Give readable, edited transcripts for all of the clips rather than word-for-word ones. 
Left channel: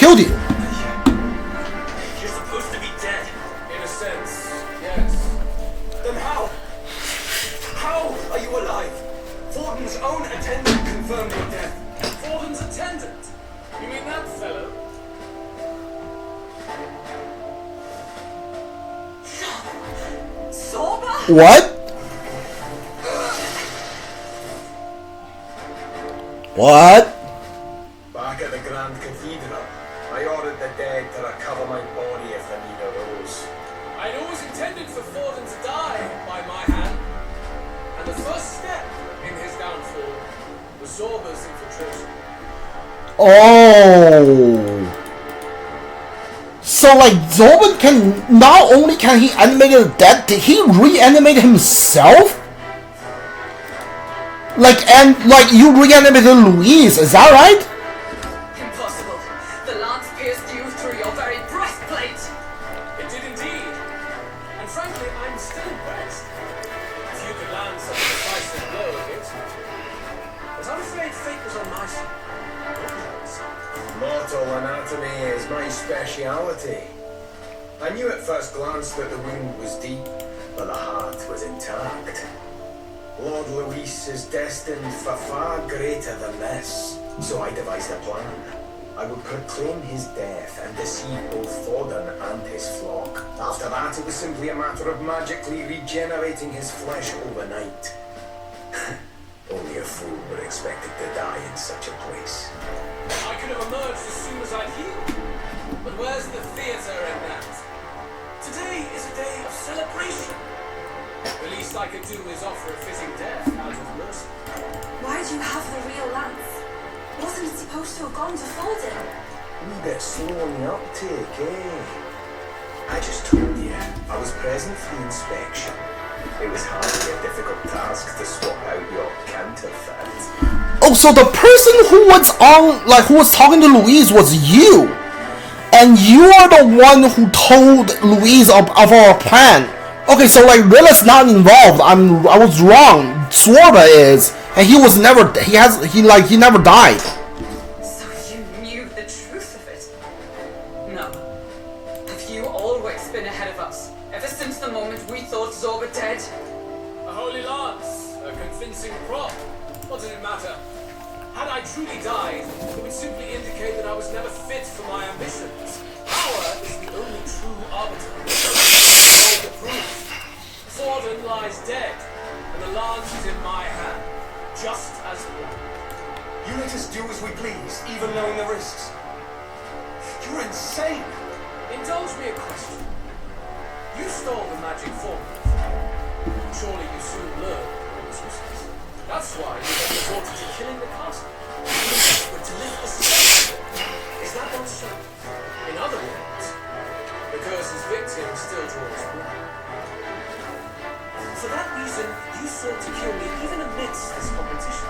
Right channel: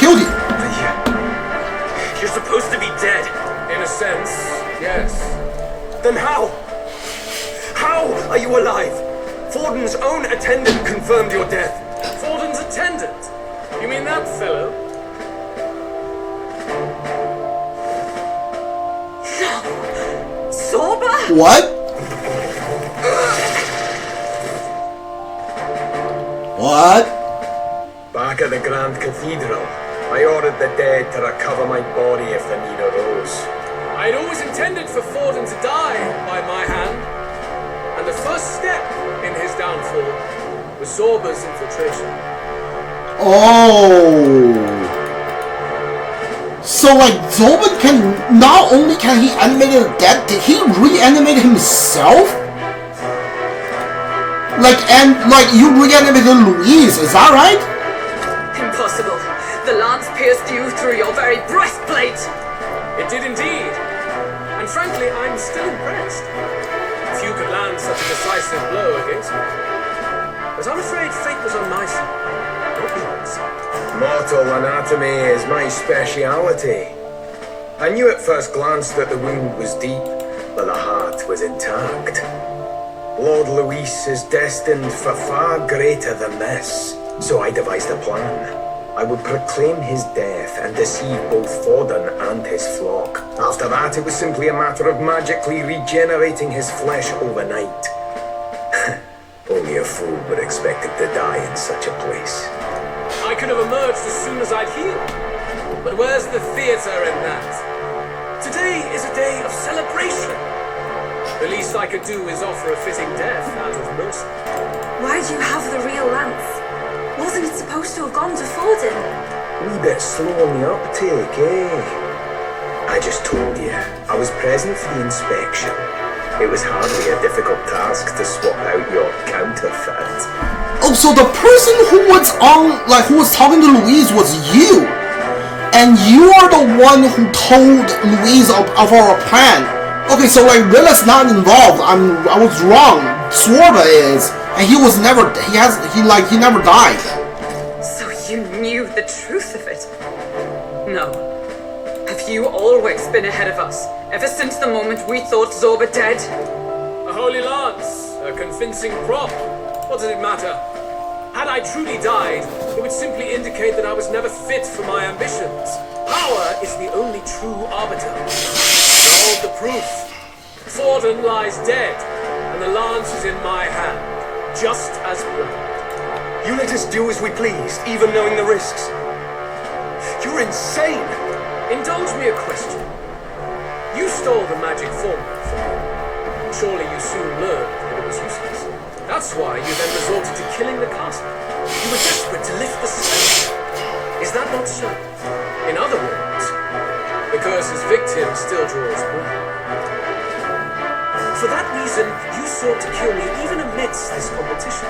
killed you. You're supposed to be dead. In a sense, yes. Then how? How are you alive? Forden's own attendant confirmed your death. Forden's attendant? You mean that fellow? Zorba? What? What? Back at the Grand Cathedral, I ordered the dead to recover my body if the need arose. I'd always intended for Forden to die by my hand, and the first step in his downfall was Zorba's infiltration. Oh. So like Zorba can, not only can he animate the dead, did he reanimate himself? Like you reanimated Louise, is that right? Impossible. The lance pierced you through your very breastplate. It did indeed. And frankly, I'm still impressed. Few could land such a decisive blow against me. But I'm afraid fate was on my side, not yours. Mortal anatomy is my speciality. I knew at first glance that the wound was deep, but the heart was intact. Lord Luis is destined for far greater than this, so I devised a plan. I would proclaim his death and deceive both Forden and his flock. After that, it was simply a matter of magically regenerating his flesh overnight. Only a fool would expect it to die in such a place. I could have emerged as soon as I'd healed. But where's the theater in that? Today is a day of celebration. The least I could do is offer a fitting death out of mercy. Why do you have the real lance? Wasn't it supposed to have gone to Forden? A wee bit slow on the uptake, eh? I just told you, I was present for the inspection. It was hardly a difficult task to swap out your counterfeit. Oh, so the person who was on, like, who was talking to Louise was you, and you are the one who told Louise of our plan. Okay, so like Rilla's not involved. I was wrong. Zorba is, and he never died. So you knew the truth of it? No. Have you always been ahead of us, ever since the moment we thought Zorba dead? A holy lance, a convincing prop. What does it matter? Had I truly died, it would simply indicate that I was never fit for my ambitions. Power is the only true arbiter. Hold the proof. Forden lies dead, and the lance is in my hand, just as planned. You let us do as we please, even knowing the risks. You're insane! Indulge me a question. You stole the magic formula from me. Surely you soon learned that it was useless. That's why you then resorted to killing the castle. You were desperate to lift the suspense. Is that not so? In other words, the curse's victim still draws blood. For that reason, you sought to kill me even amidst this competition,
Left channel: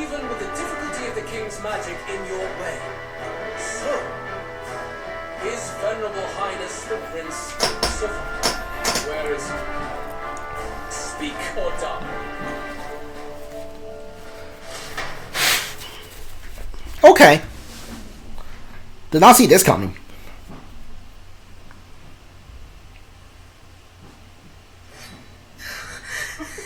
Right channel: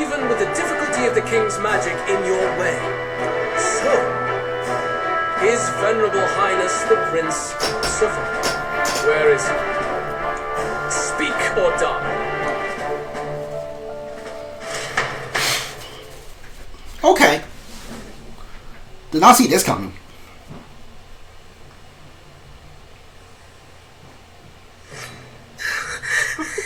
even with the difficulty of the king's magic in your way. So, His Venerable Highness the Prince survived. Where is he? Speak or die. Okay. Did not see this coming.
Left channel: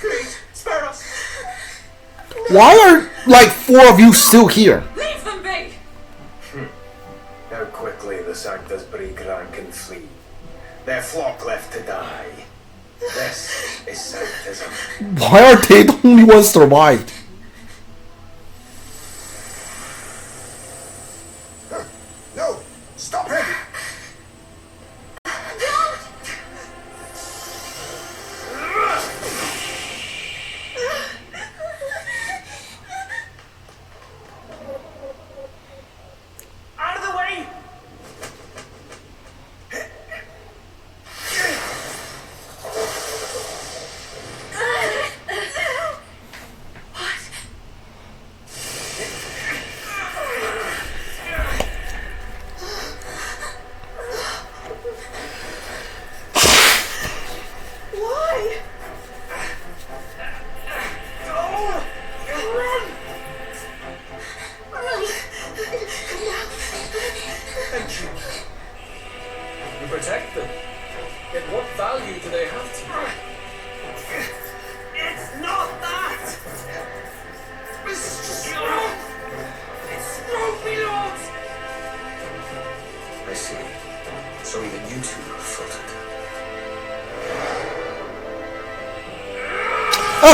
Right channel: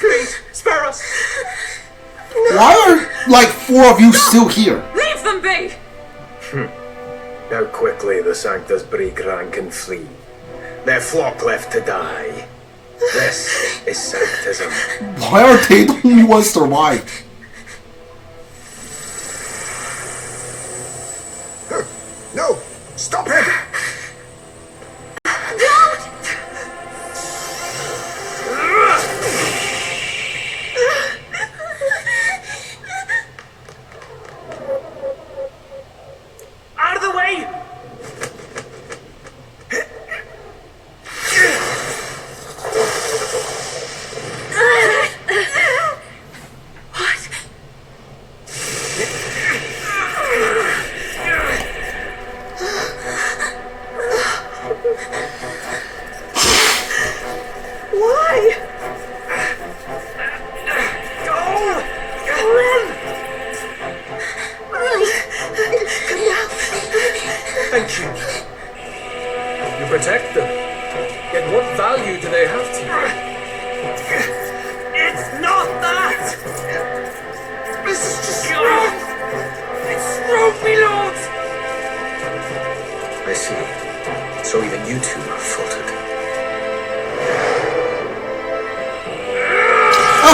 Please, spare us! Why are like 4 of you still here? Leave them be! How quickly the Sanctus break rank and flee. Their flock left to die. This is Sanctism. Why are they the only ones survived? No! Stop him! Out of the way! What?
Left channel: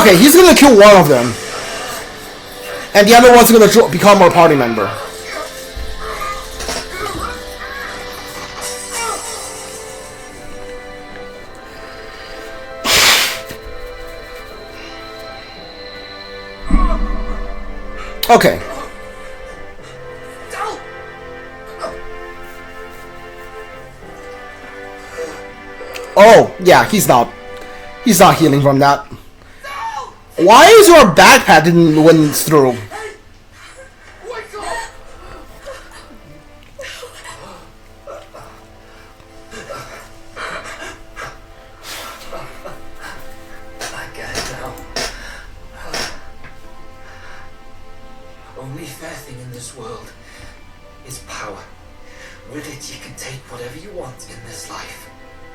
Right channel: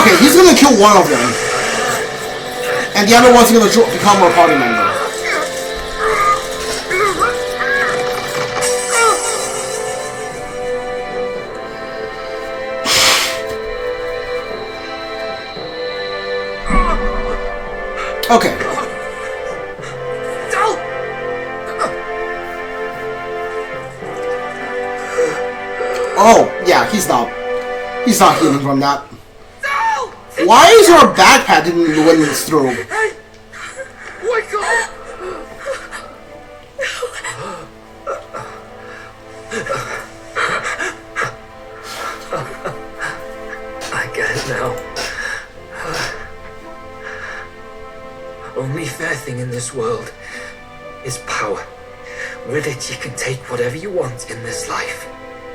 Okay, he's gonna kill one of them. And the other one's gonna become a party member. Okay. Oh, yeah, he's not healing from that. Why is your backpack didn't win through? Hey! Wake up! I get it now. Only fair thing in this world is power. With it, you can take whatever you want in this life.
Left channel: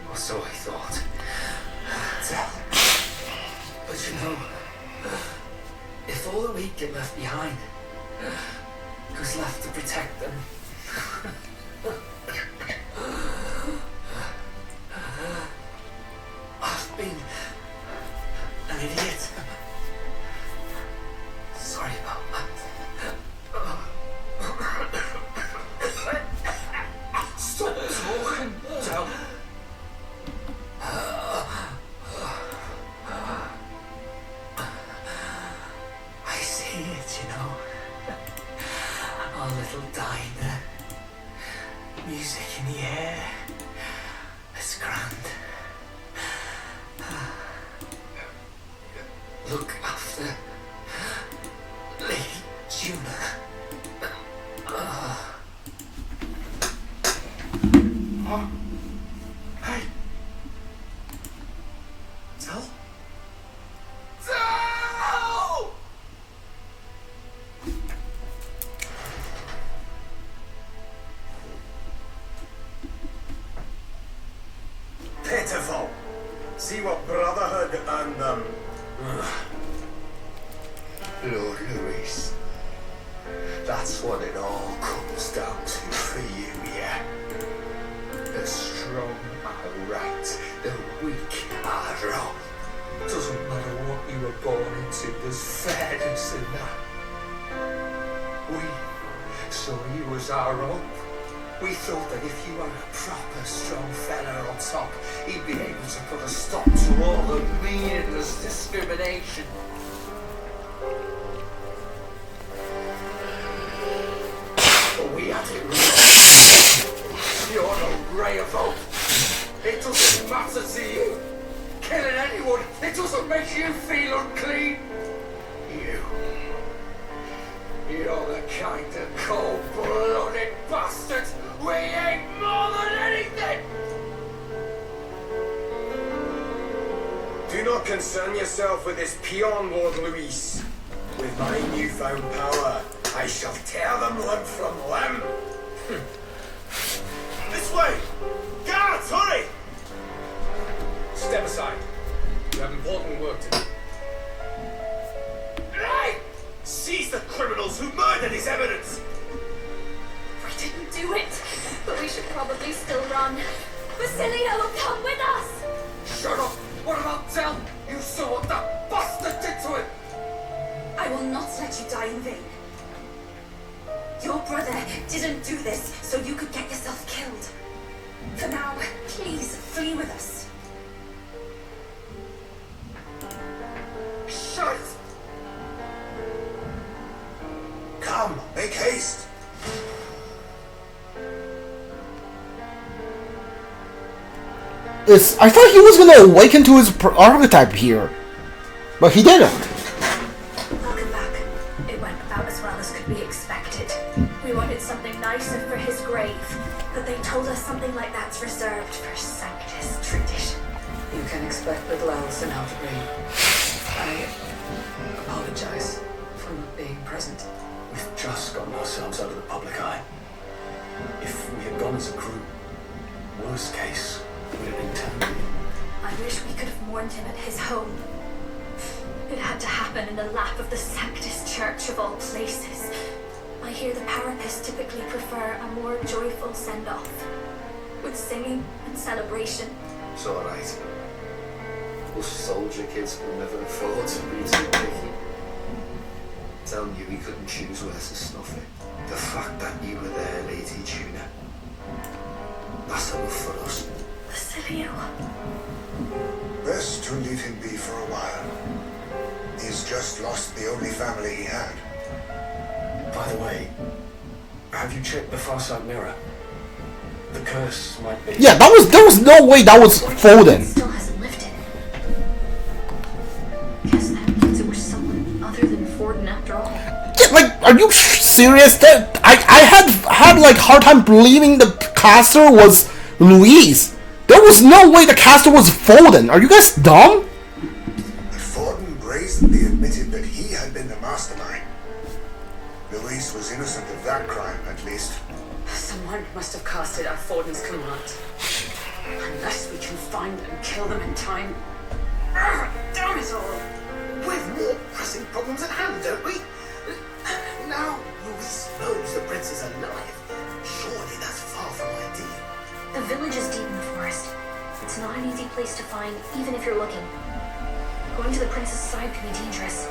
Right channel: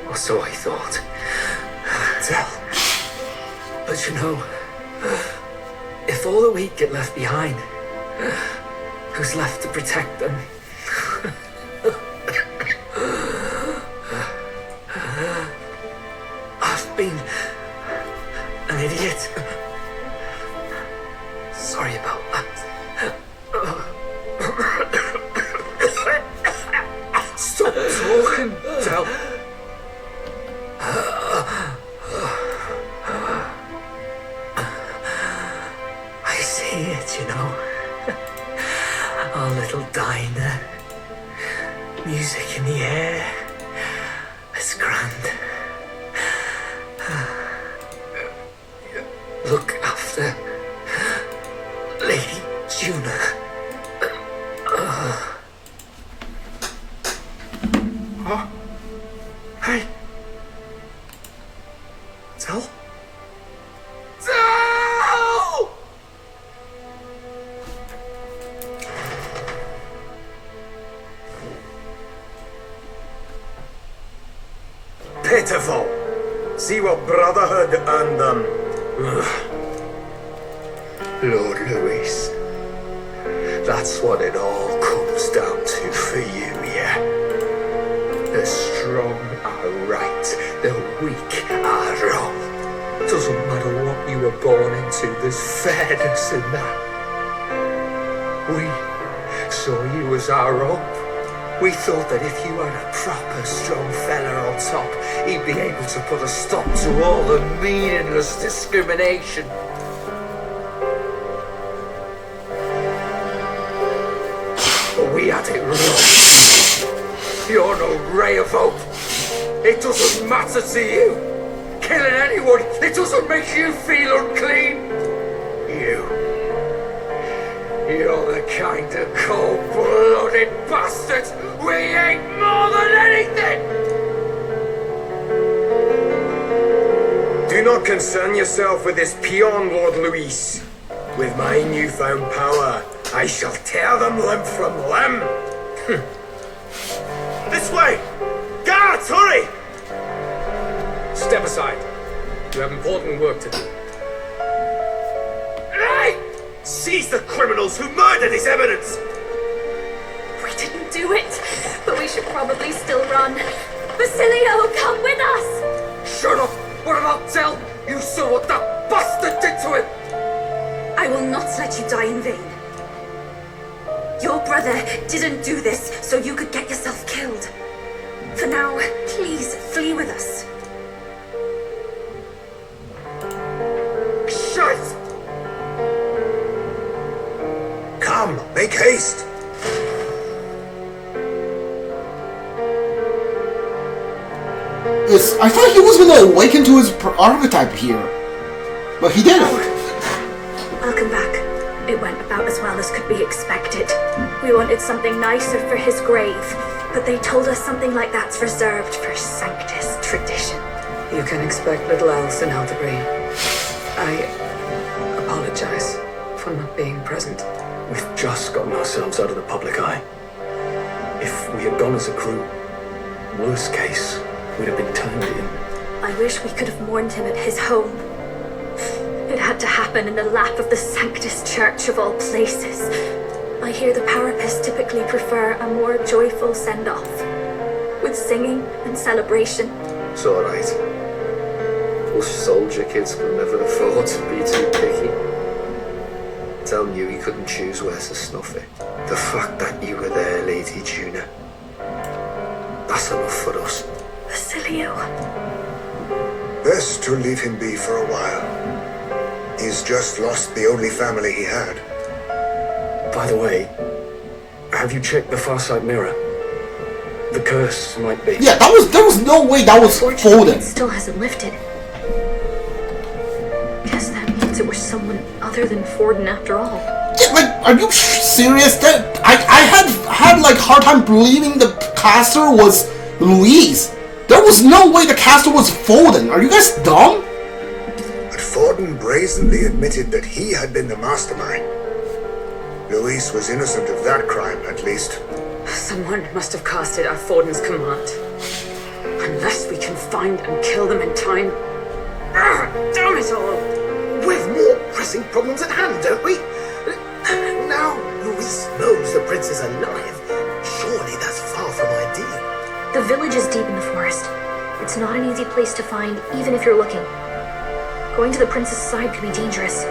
Or so I thought. But you know, if all the weak get left behind, who's left to protect them? I've been an idiot. Sorry about that. Stop talking, Del. I see it, you know. Our little diner. Music in the air. It's grand. Look after Lady Juna. Huh? Hey. Del? Del! Pitiful. See what brotherhood earned them. Lord Louis. That's what it all comes down to for you, yeah? The strong are right, the weak are wrong. Doesn't matter what you were born into, there's fairness in that. We saw you as our own. We thought that if you had a proper strong fella on top, he'd be able to put a stop to all the meaningless discrimination. But we had it wrong. You're no ray of hope. It doesn't matter to you. Killing anyone, it doesn't make you feel unclean. You're the kind of cold-blooded bastards we hate more than anything! Do not concern yourself with this peon, Lord Luis. With my newfound power, I shall tear them limb from limb. This way! Guards, hurry! Step aside. You have important work to do. Hey! Seize the criminals who murdered his eminence! We didn't do it, but we should probably still run. Basilio, come with us! Shut up! What about Del? You saw what that bastard did to him! I will not let you die in vain. Your brother didn't do this so you could get yourself killed. For now, please flee with us. Shit! Come, make haste! I thought he was gonna awaken to his archetype here, but he didn't. Welcome back. It went about as well as could be expected. We wanted something nicer for his grave, but they told us something like that's reserved for Sanctus tradition. You can expect little else in Elda. I apologize for not being present. We've just gotten ourselves out of the public eye. If we had gone as a crew, worst case, we'd have been turned in. I wish we could have mourned him at his home. It had to happen in the lap of the Sanctus Church of all places. I hear the Parapists typically prefer a more joyful send-off, with singing and celebration. It's all right. us soldier kids could never afford to be too picky. Tell you he couldn't choose where to snuff it. The fact that you were there, Lady Juna, that's enough for us. Basilio. Best to leave him be for a while. He's just lost the only family he had. By the way, have you checked the far side mirror? The curse might be. Yeah, there was no way that was folded. It still hasn't lifted. Guess that means it was someone other than Forden after all. Yeah, like, are you serious? That I had like hard time believing the caster was Louise. There was no way the caster was Forden. Are you guys dumb? But Forden brazenly admitted that he had been the mastermind. Louise was innocent of that crime, at least. Someone must have casted at Forden's command. Unless we can find and kill them in time. Damn it all! We've more pressing problems at hand, don't we? Now Louise knows the prince is alive. Surely that's far from ideal. The village is deep in the forest. It's not an easy place to find, even if you're looking. Going to the prince's side could be dangerous.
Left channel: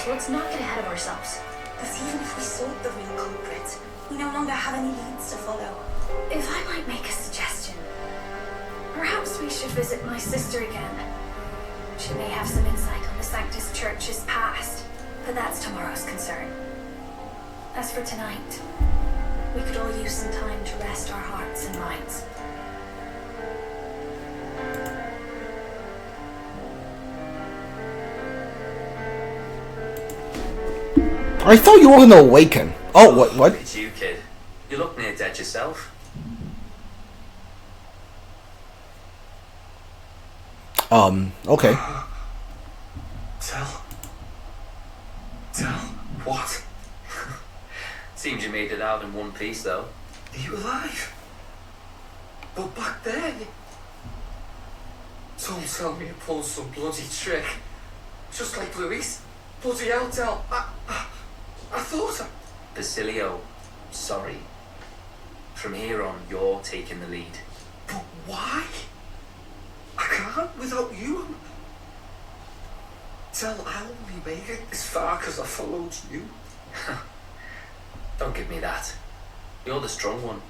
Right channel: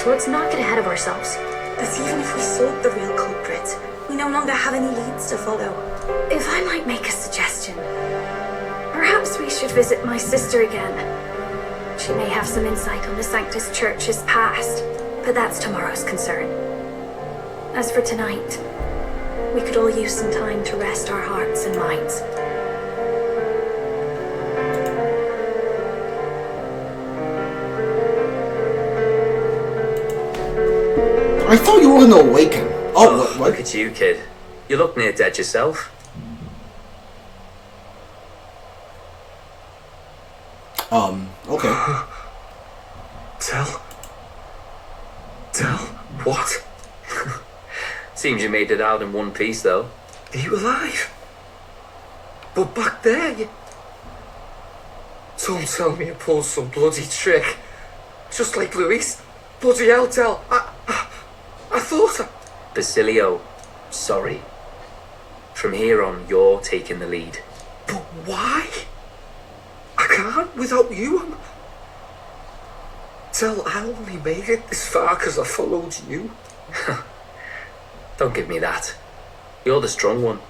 So let's not get ahead of ourselves. But even if we sought the real culprit, we no longer have any leads to follow. If I might make a suggestion, perhaps we should visit my sister again. She may have some insight on the Sanctus Church's past, but that's tomorrow's concern. As for tonight, we could all use some time to rest our hearts and minds. I thought you were gonna awaken. Oh, what? Look at you, kid. You look near dead yourself. Okay. Tell what? Seems you made it out in one piece, though. Are you alive? But back there, don't tell me you pulled some bloody trick. Just like Louise. Bloody hell, Del. I thought Basilio, sorry. From here on, you're taking the lead. But why? I can't without you. Del, I only made it this far because I followed you. Don't give me that. You're the strong one.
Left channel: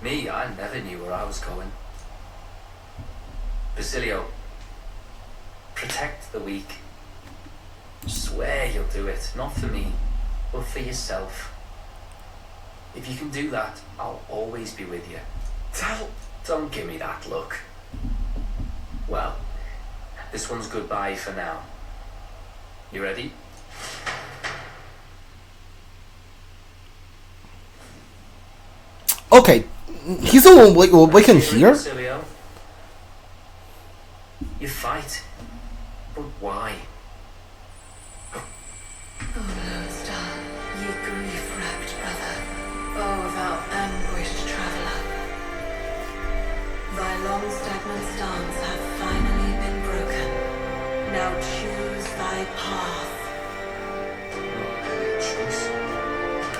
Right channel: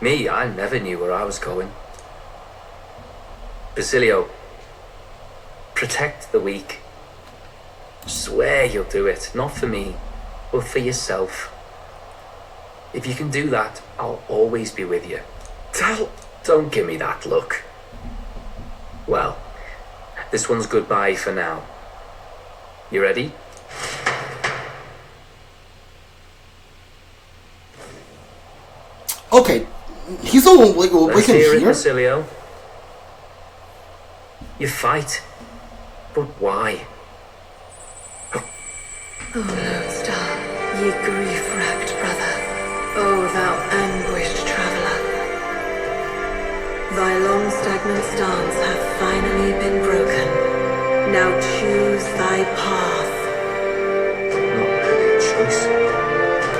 Me, I never knew where I was going. Basilio, protect the weak. Swear you'll do it, not for me, but for yourself. If you can do that, I'll always be with you. Don't give me that look. Well, this one's goodbye for now. You ready? Okay, he's the one we can hear. Basilio. You fight, but why? Oh, Lodestar, ye grief-racked brother, oh thou anguished traveller. Thy long stagnant stance hath finally been broken. Now choose thy path. Not really a choice.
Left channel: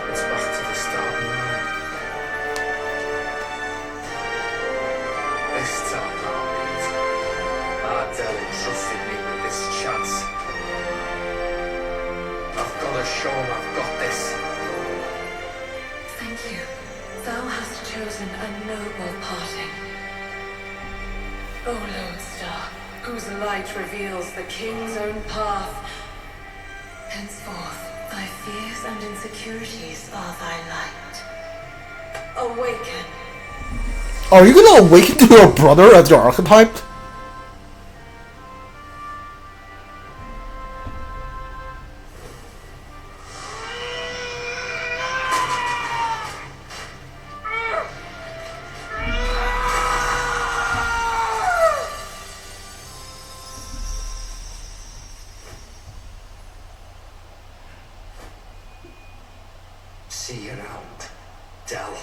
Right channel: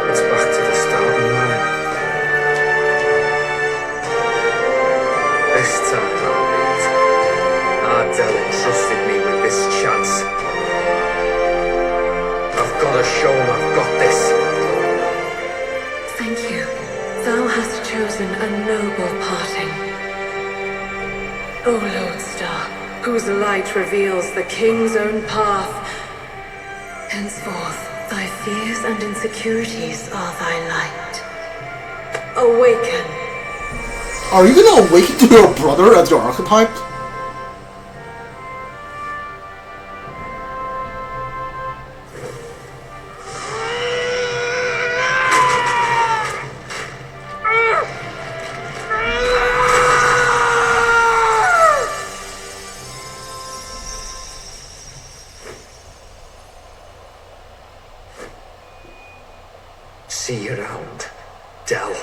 It's back to the starting line. This time, Ardell entrusted me with this chance. I've got to show him I've got this. Thank you. Thou hast chosen a noble parting. O Lodestar, whose light reveals the king's own path. Henceforth, thy fears and insecurities are thy light. Awaken. Are you gonna awaken to your brother as your archetype? See you around, Del.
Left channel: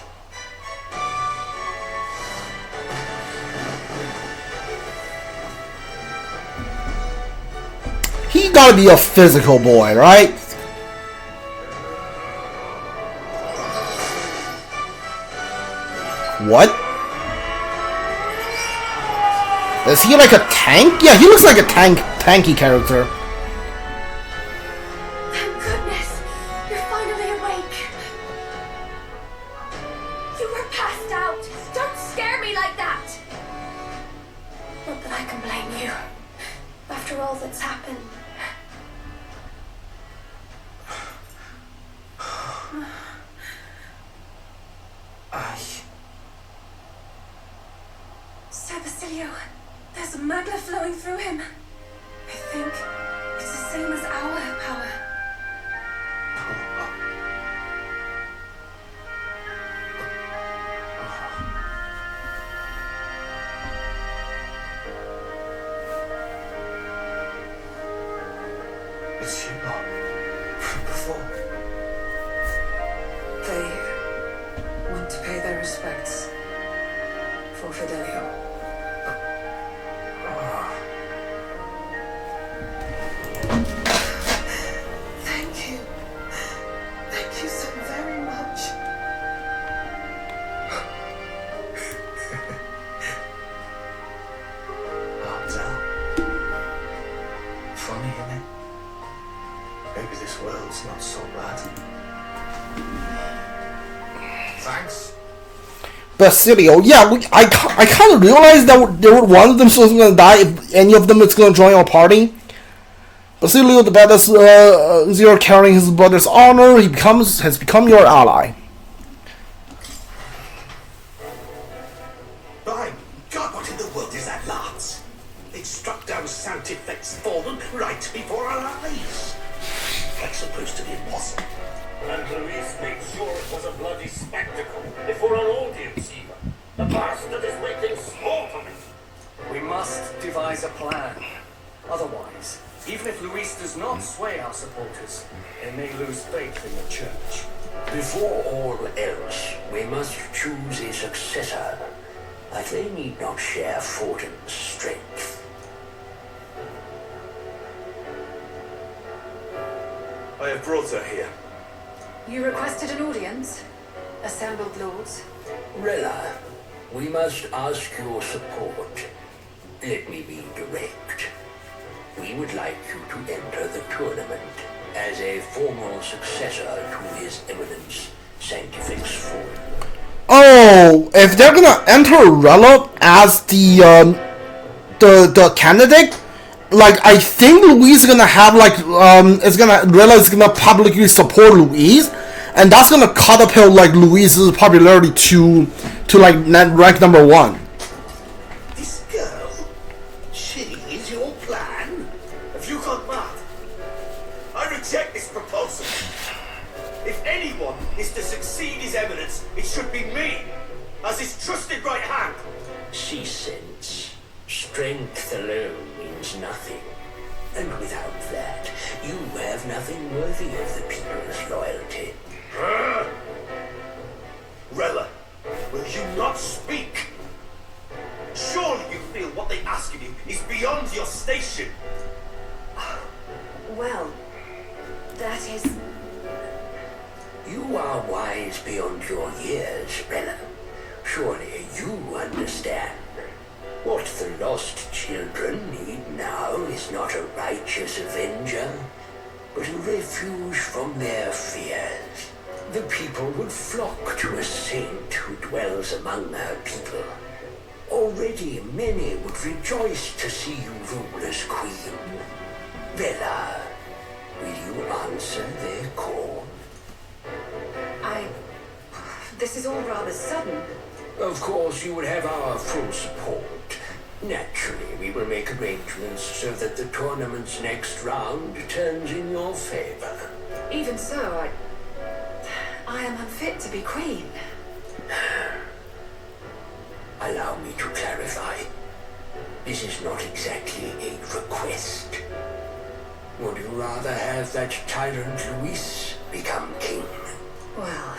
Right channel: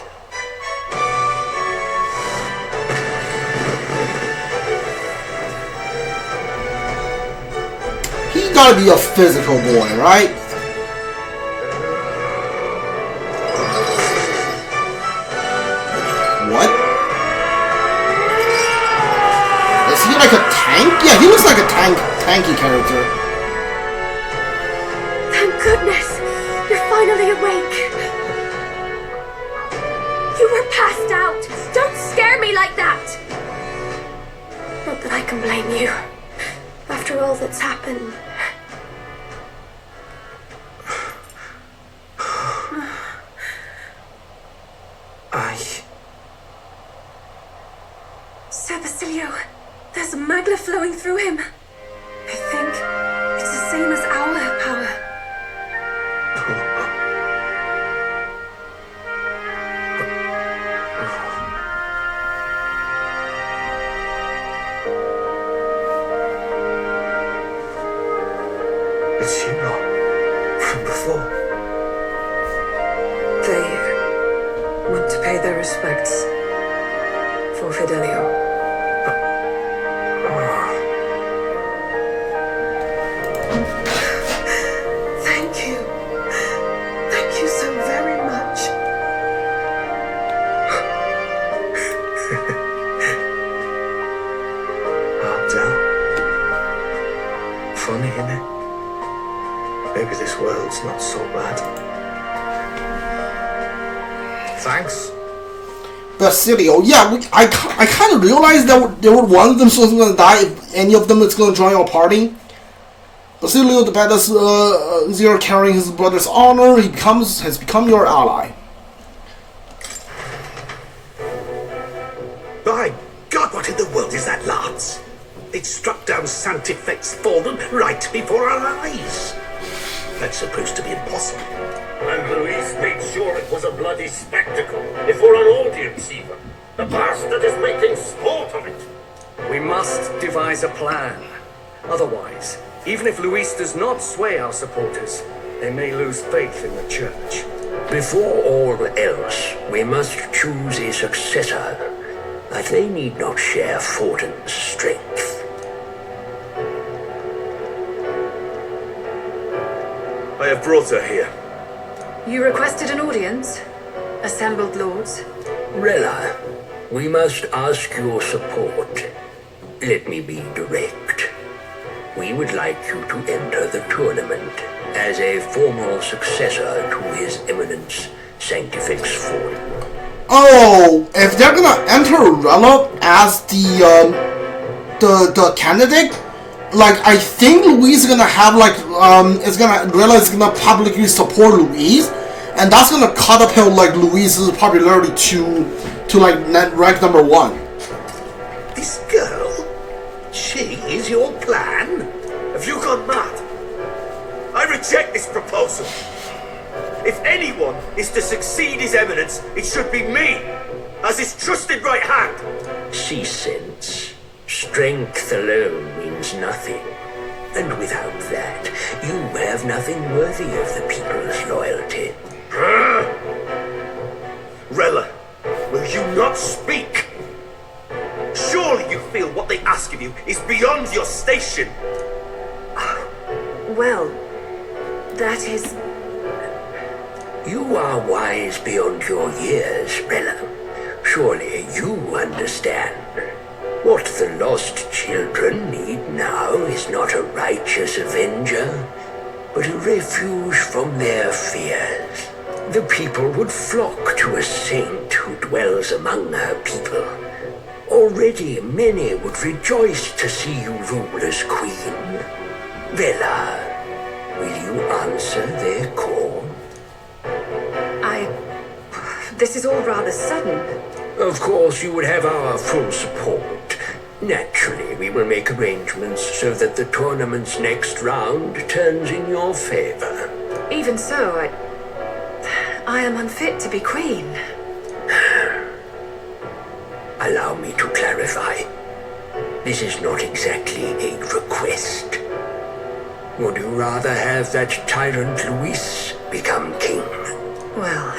He gotta be a physical boy, right? What? Is he like a tank? Yeah, he looks like a tanky character. Thank goodness! You're finally awake. You were passed out. Don't scare me like that. Not that I can blame you. After all that's happened. Sir Basilio, there's magna flowing through him. I think it's the same as our power. It's you lot from before. They want to pay their respects for Fidelio. Thank you. Thank you so very much. Elda. Funny, innit? Maybe this world's not so bad. Thanks. Basilio, yeah, I kind of realized that there were one of them was going to die if any of them is going to join our party. Basilio, the badass Zero carrying his brother's honor, has become your ally. By God, what in the world is that, lads? It struck down Santifex Fallen right before our eyes. That's supposed to be impossible. And Luis made sure it was a bloody spectacle before an audience even. The bastard is making sport of it. We must devise a plan. Otherwise, even if Luis does not sway our supporters, they may lose faith in the church. Before all else, we must choose a successor, but they need not share Fortin's strength. I have brought her here. You requested an audience? Assembled lords? Rella, we must ask your support. Let me be direct. We would like you to enter the tournament as a formal successor to His Eminence Sanctifex Fallen. Oh, if they're gonna enter Rella as the candidate, like I think Louise is gonna have like Rella is gonna publicly support Louise, and that's gonna catapult like Louise's popularity to like rank number 1. This girl? She is your plan? Have you gone mad? I reject this proposal. If anyone is to succeed His Eminence, it should be me, as his trusted right hand. See, sense. Strength alone means nothing. And without that, you have nothing worthy of the people's loyalty. Rella, will you not speak? Surely you feel what they ask of you is beyond your station. Well, that is... You are wise beyond your years, Rella. Surely you understand. What the lost children need now is not a righteous avenger, but a refuge from their fears. The people would flock to a saint who dwells among her people. Already many would rejoice to see you rule as queen. Rella, will you answer their call? This is all rather sudden. Of course, you would have our full support. Naturally, we will make arrangements so that the tournament's next round turns in your favor. Even so, I am unfit to be queen. Allow me to clarify. This is not exactly a request. Would you rather have that tyrant Luis become king? Well...